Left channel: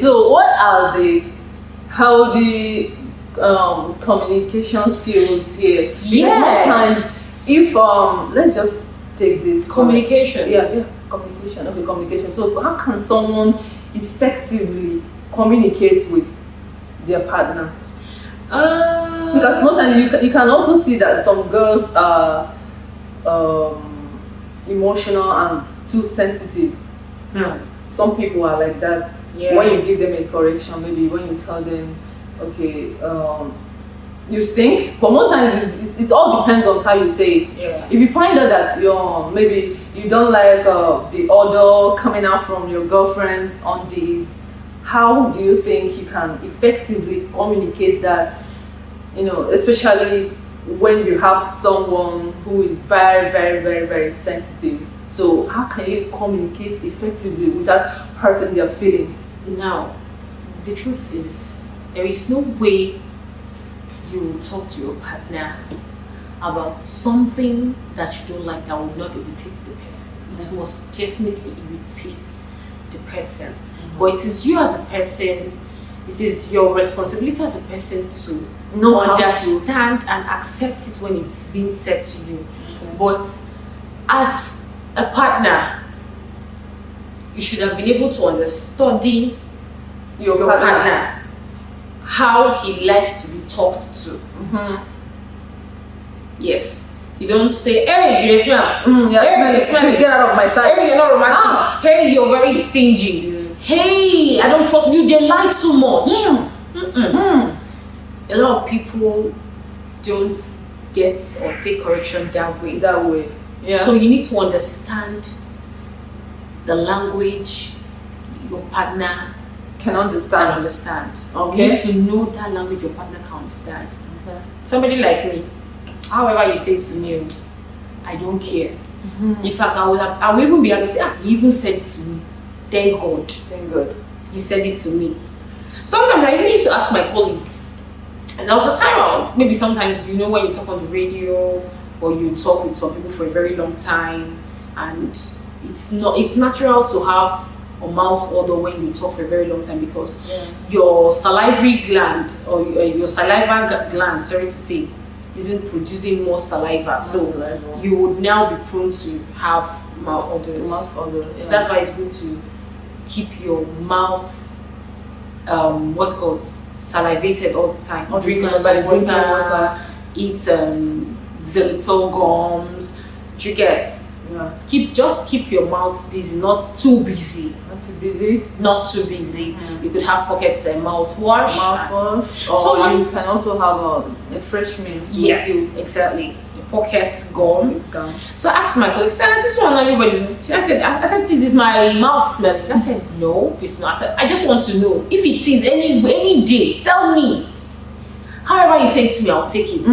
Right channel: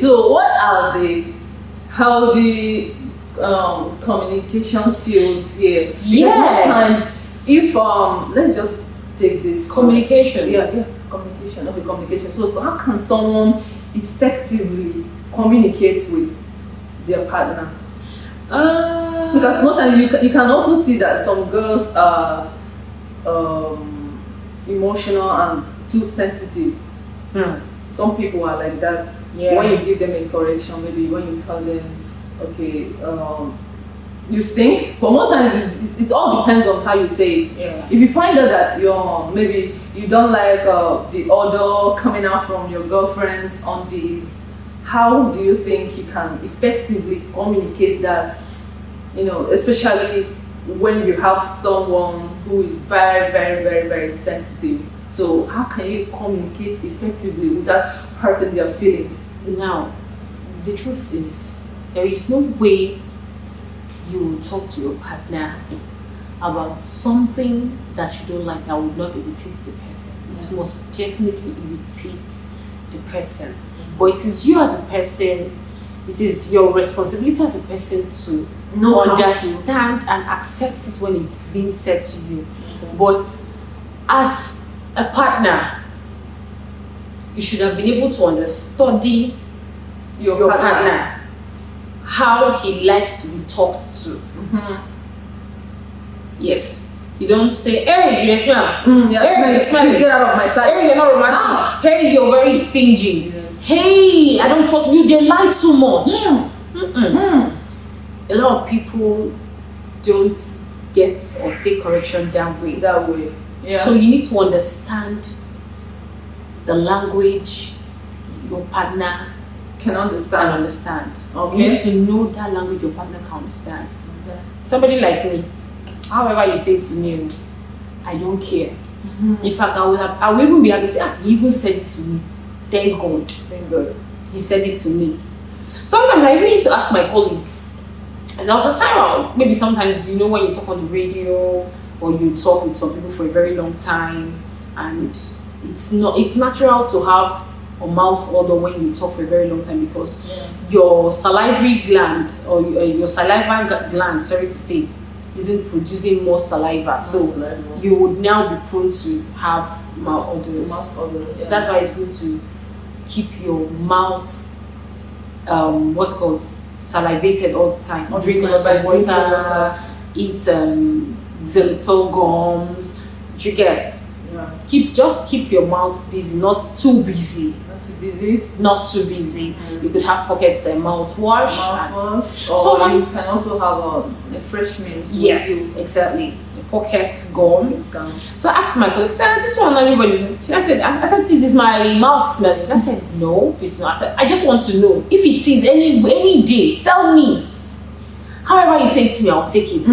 so what are the healthy communication skills here? Yes. If let's just take this communication. Communication. Okay, communication. So how can someone effectively communicate with their partner? Because most times you can also see that some girls are emotional and too sensitive. Some people are like that. When you give them a correction, maybe when you tell them, okay, you stink, but most times it all depends on how you say it. If you find out that maybe you don't like the odor coming out from your girlfriend's undies, how do you think you can effectively communicate that? Especially when you have someone who is very, very, very, very sensitive. So how can you communicate effectively without hurting their feelings? Now, the truth is, there is no way you talk to your partner about something that you don't like that will not irritate the person. It must definitely irritate the person. But it is you as a person, it is your responsibility as a person to understand and accept it when it's being said to you. But as a partner, you should have been able to understudy your partner, how he likes to be talked to. Yes. You don't say, hey, you smell. Hey, you smell. Get out of my sight. Hey, you're not romantic. Hey, you're very stingy. Hey, I don't trust you. They lie too much. A lot of people don't get or take correction that way. So you need to understand the language your partner can understand. You need to know that language your partner can understand. Somebody like me, however you say it to me, I don't care. In fact, I will even be able to say, he even said it to me. Thank God. He said it to me. Sometimes I even used to ask my colleague, and there was a time maybe sometimes when you talk on the radio or you talk with some people for a very long time, and it's natural to have a mouth odor when you talk for a very long time, because your salivary gland or your saliva gland, sorry to say, isn't producing more saliva, so you would now be prone to have mouth odors. So that's why it's good to keep your mouth salivated all the time. Drink lots of water, eat xylitol gums. You get keep your mouth busy, not too busy. Not too busy. You could have pockets mouthwash. Or you can also have a fresh mint. Yes, exactly. A pocket gum. So I asked my colleague, this one everybody's. I said, please, is my mouth smelling? I said, no, it's not. I said, I just want to know if it is any day. Tell me. However you say it to me, I'll take it.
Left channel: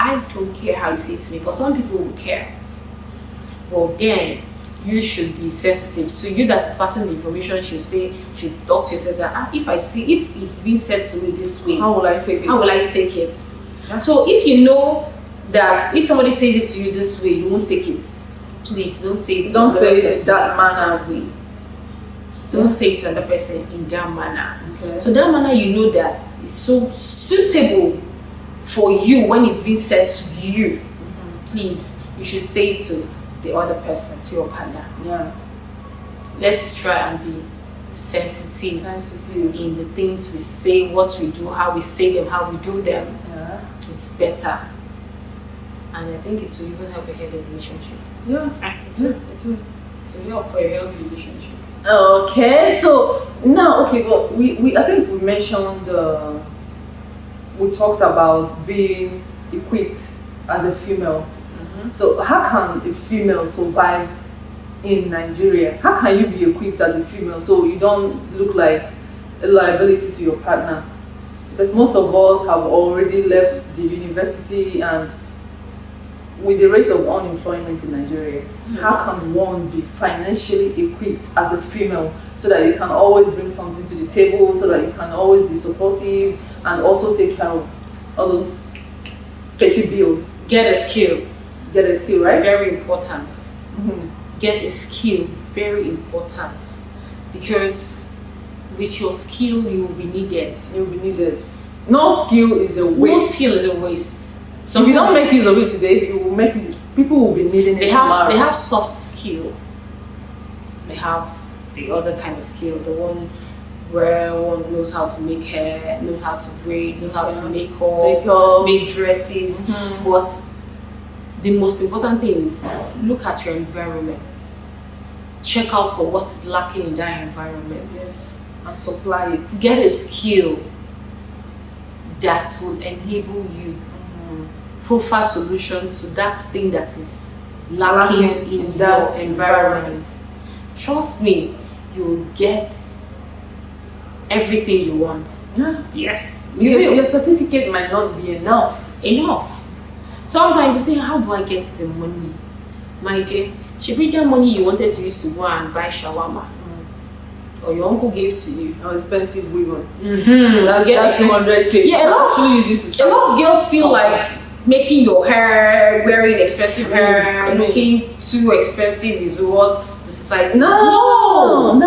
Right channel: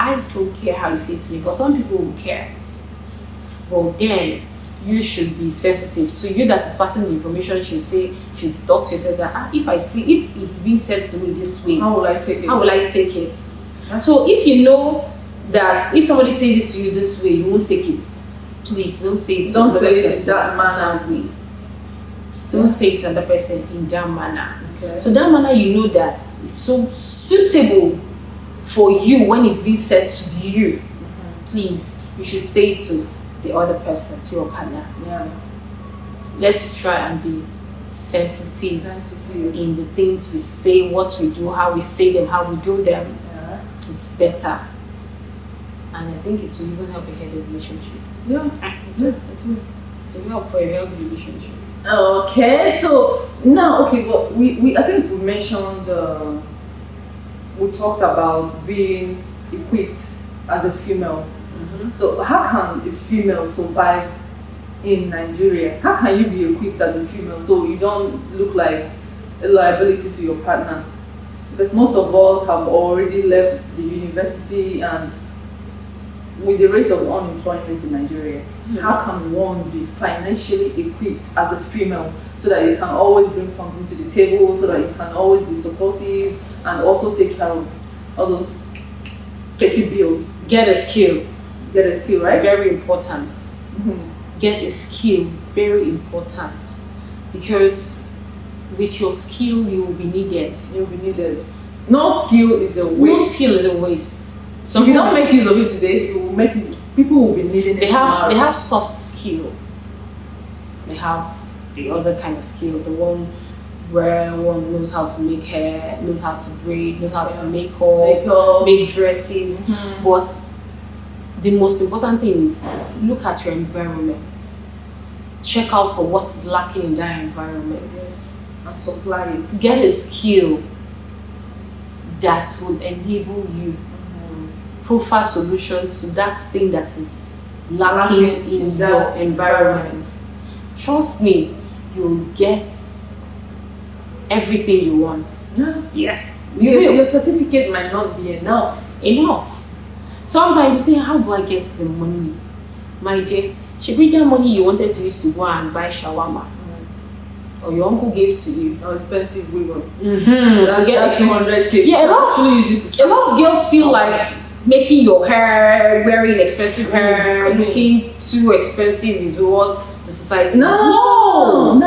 I don't care how you say it to me, but some people will care. Well, then you should be sensitive. To you that is passing the information, should talk to yourself that if it's being said to me this way, how will I take it? So if you know that if somebody says it to you this way, you won't take it, please don't say it to that manner. Don't say it to another person in that manner. So that manner, that is so suitable for you when it's being said to you. Please, you should say it to the other person, to your partner. Let's try and be sensitive in the things we say, what we do, how we say them, how we do them. It's better, and I think it will even help a healthy relationship. It will help for a healthy relationship. Okay, so now, but we I think we mentioned we talked about being equipped as a female. So how can a female survive in Nigeria? How can you be equipped as a female so you don't look like a liability to your partner? Because most of us have already left the university, and with the rate of unemployment in Nigeria, how can one be financially equipped as a female so that you can always bring something to the table, so that you can always be supportive and also take care of all those petty bills? Get a skill. Right? Very important. Get a skill. Very important. Because with your skill, you will be needed. You'll be needed. No skill is a waste. No skill is a waste. So if you don't make use of it today, you will make it, people will be needing They it have tomorrow. they have soft skill. They have the other kind of skill, the one where one knows how to make hair, knows how to braid, knows how to make up, make dresses. But the most important thing is look at your environment. Check out for what is lacking in that environment. Yes. And supply it. Get a skill that will enable you profile solution to that thing that is lacking in your environment. Trust me, you'll get everything you want. Yeah. Yes, Because your certificate might not be enough. Sometimes you say, how do I get the money? My dear, she bring that money you wanted to use to go and buy shawarma. Or your uncle gave to you. How expensive we want. To get that 200K. Yeah, a a lot of girls feel like making your hair, wearing expensive hair, looking too expensive is what the society. No.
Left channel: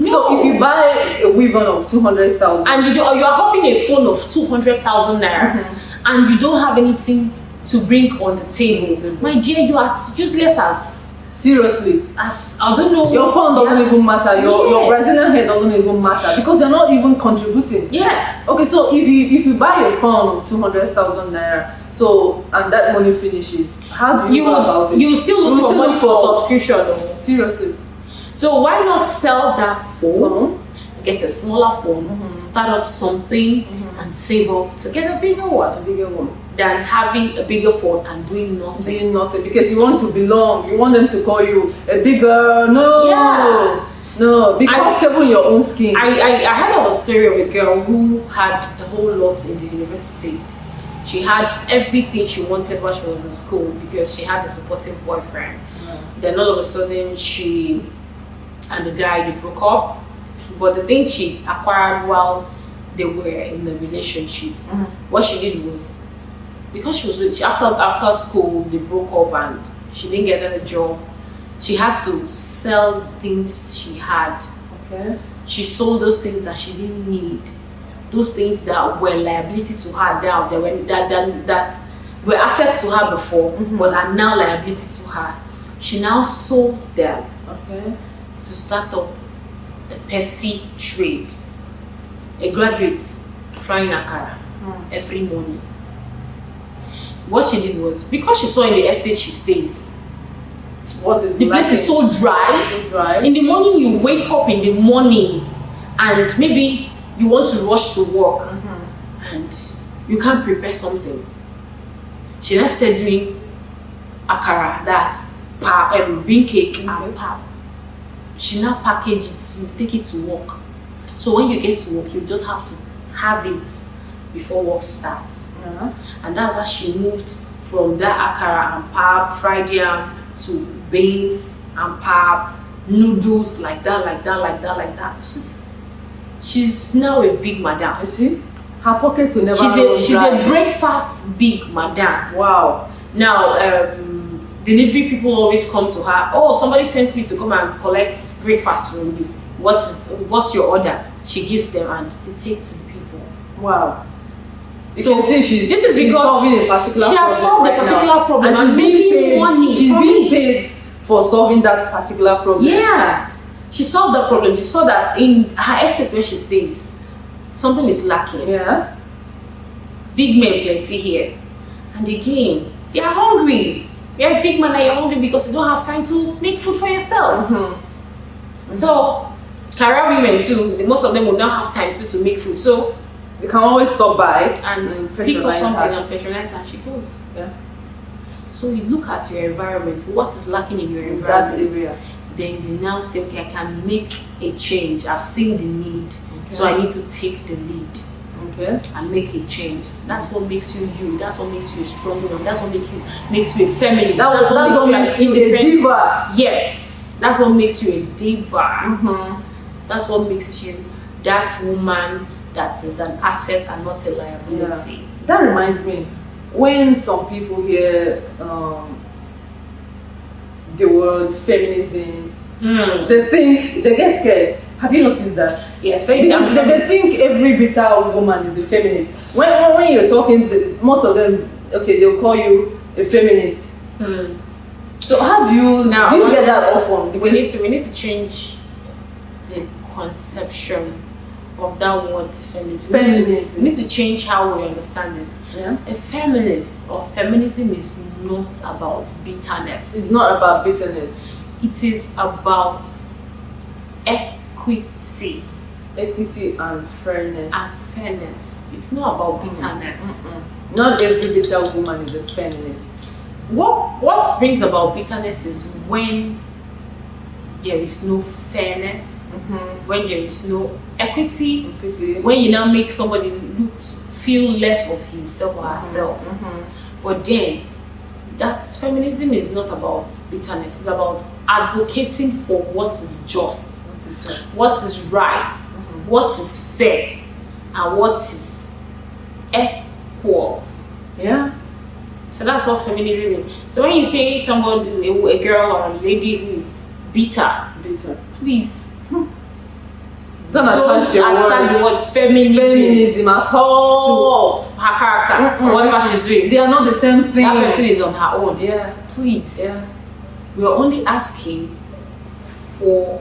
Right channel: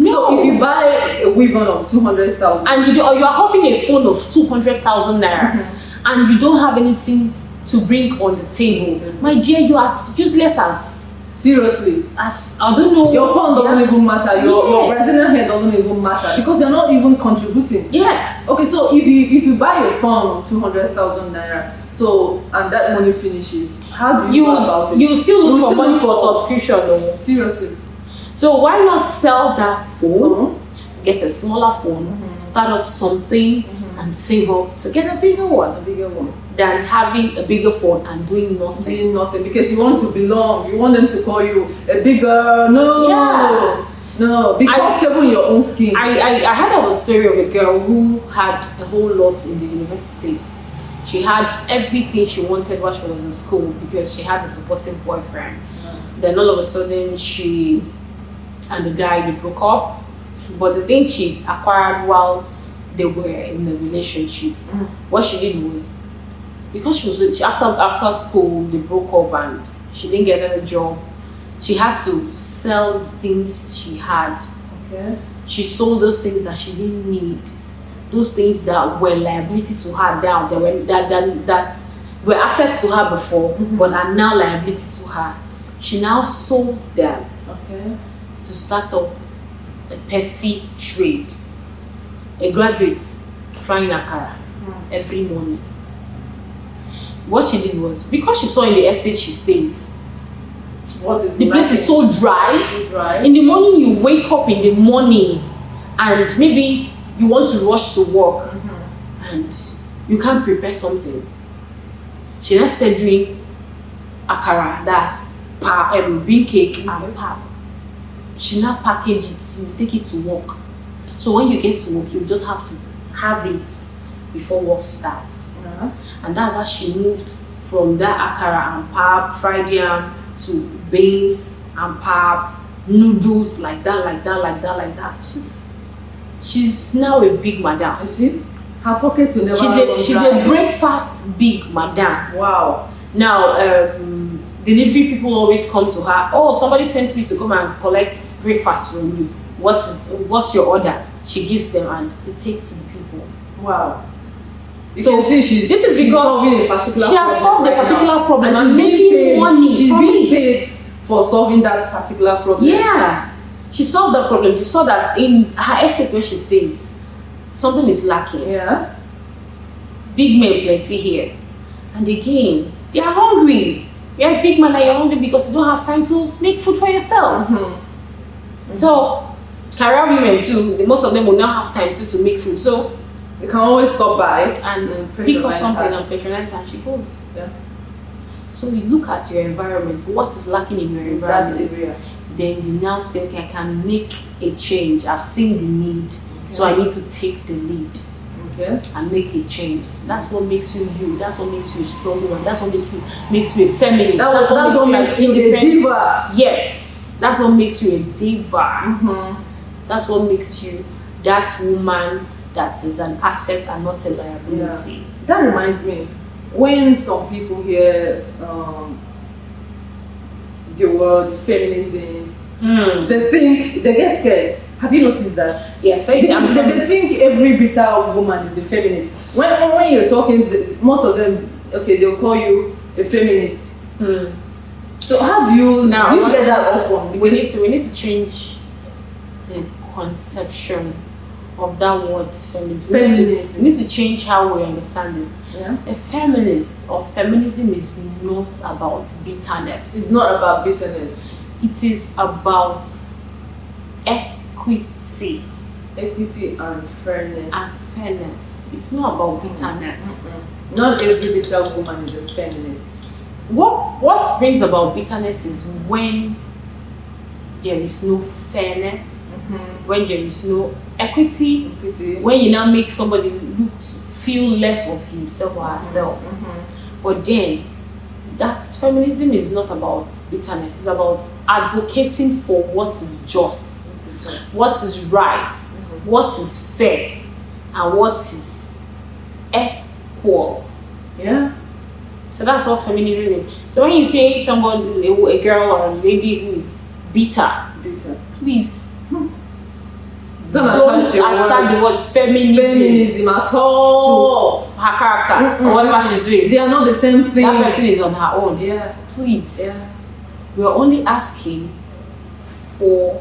So if you buy a weave on of 200,000 and you are having a phone of 200,000 naira, and you don't have anything to bring on the table, my dear, you are useless as. Seriously, As I don't know, your phone doesn't even matter. Your Brazilian hair doesn't even matter because they're not even contributing. Yeah. Okay, so if you buy a phone of 200,000 naira, so and that money finishes, how do you go about it? You still look for money for subscription, though. Seriously. So why not sell that phone? Get a smaller phone, start up something, and save up to get a bigger one. Than having a bigger phone and doing nothing. Because you want to belong. You want them to call you a bigger. No. Be comfortable in your own skin. I heard of a story of a girl who had a whole lot in the university. She had everything she wanted while she was in school because she had a supportive boyfriend. Then all of a sudden she and the guy, they broke up. But the things she acquired while they were in the relationship, what she did was, because after school they broke up and she didn't get any job, she had to sell the things she had. She sold those things that she didn't need, those things that were liability to her now, that were assets to her before, but are now liability to her. She now sold them to start up a petty trade. A graduate frying akara every morning. What she did was, because she saw in the estate she stays, the place is so dry. In the morning, you wake up in the morning and maybe you want to rush to work and you can't prepare something. She now started doing akara, that's bean cake and pap. She now package it, you take it to work. So when you get to work, you just have to have it before work starts. And that's how she moved from that akara and pap, fried yam, to beans and pap, noodles, like that. She's now a big madam. You see? Her pocket will never She's a breakfast big madam. Wow. Now, delivery people always come to her. Oh, somebody sent me to come and collect breakfast from you. What's your order? She gives them and they take to the people. Wow. So this is because she has solved the particular problem and making money. She's being paid for solving that particular problem. Yeah, she solved that problem. She saw that in her estate where she stays, something is lacking. Yeah. Big men plenty here, and again, they are hungry. You're a big man and you're hungry because you don't have time to make food for yourself. So, career women too, most of them will not have time to make food. So, you can always stop by and pick up something and patronize her and she goes. Yeah. So, you look at your environment, what is lacking in your environment. That area. Then you now say, okay, I can make a change. I've seen the need, so I need to take the lead. And make a change. That's what makes you you. That's what makes you a strong one. That's what makes you a feminist. That's what makes you an independent diva. Yes, that's what makes you a diva. That's what makes you that woman that is an asset and not a liability. Yeah. That reminds me, when some people hear the word feminism, they get scared. Have you noticed that? Yeah, so They think every bitter woman is a feminist. When you're talking, most of them, okay, they'll call you a feminist. So how do you get that often? We need to change the conception of that word feminism. We need to change how we understand it. Yeah. A feminist or feminism is not about bitterness. It's not about bitterness. It is about equity and fairness. It's not about bitterness. Not every bitter woman is a feminist. What brings about bitterness is when there is no fairness, when there is no equity, when you now make somebody feel less of himself or herself. But then that feminism is not about bitterness. It's about advocating for what is just, what is right, what is fair, and what is equal. Yeah. So that's what feminism is. So when you say somebody, a girl or a lady who is bitter, please don't attach the word feminism at all to her character or whatever she's doing. They are not the same thing. That person is on her own. Yeah. Please. Yeah. We are only asking for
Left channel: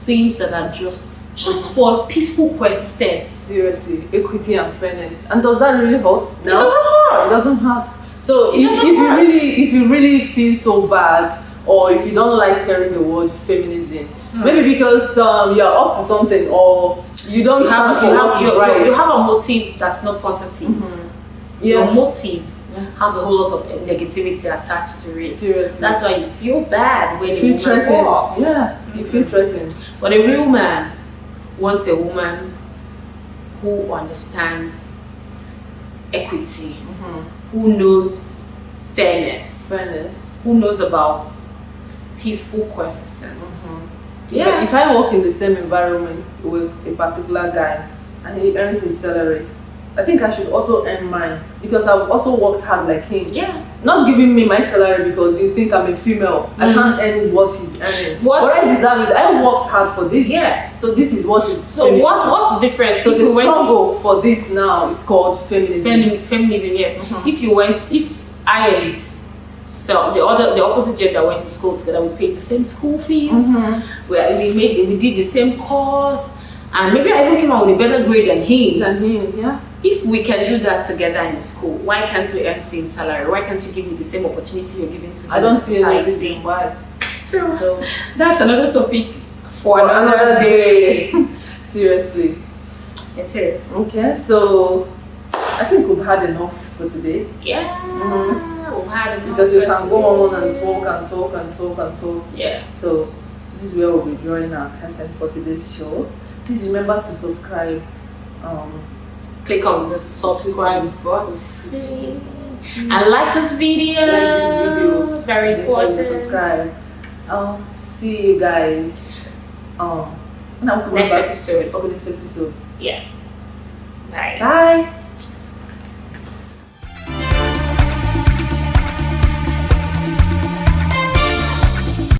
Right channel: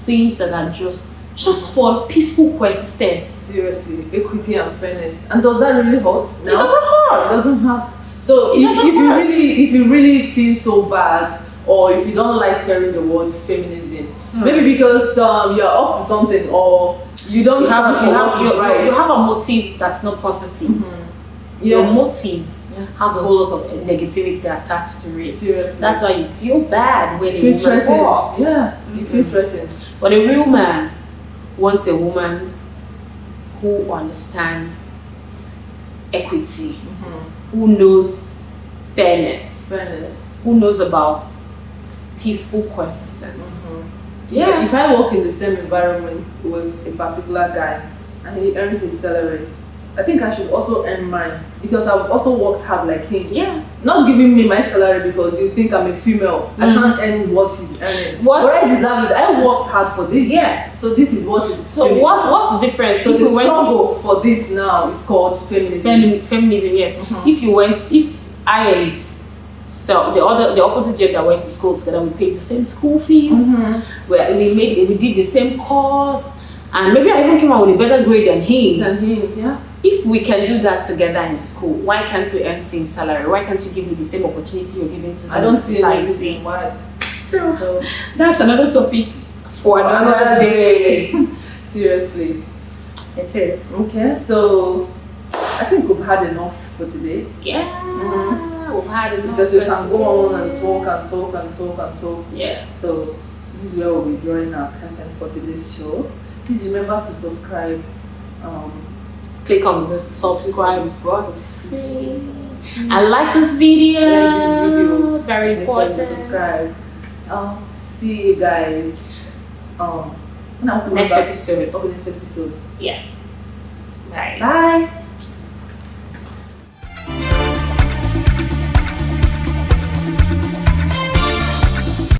things that are just for peaceful coexistence. Seriously, equity and fairness. And does that really hurt? No? It doesn't hurt. It doesn't hurt. So if you really feel so bad, or if you don't like hearing the word feminism, maybe because you're up to something, or you don't have a motive that's not positive. Your motive has a whole lot of negativity attached to it. Seriously. That's why you feel bad when a woman talks. Yeah, you feel threatened. But a real man wants a woman who understands equity, who knows fairness, who knows about peaceful coexistence. Yeah. If I work in the same environment with a particular guy and he earns his salary, I think I should also earn mine, because I've also worked hard like him. Yeah. Not giving me my salary because you think I'm a female. I can't earn what he's earning. What I deserve is I worked hard for this. Yeah. So this is what it's. So what's the difference? So the struggle for this now is called feminism. Feminism, yes. If I and so the opposite gender went to school together, we paid the same school fees. We did the same course, and maybe I even came out with a better grade than him. Yeah. If we can do that together in school, why can't we earn same salary? Why can't you give me the same opportunity you're giving to the society? Why? So that's another topic for another day. Seriously. It is. Okay, so I think we've had enough for today. Yeah, we've had enough. Because we can go on and talk. Yeah. So this is where we'll be drawing our content for today's show. Please remember to subscribe. Click on the subscribe button and like this video. Very important. Sure you subscribe. I'll see you guys next episode. Okay, next episode. Yeah. Bye. Bye.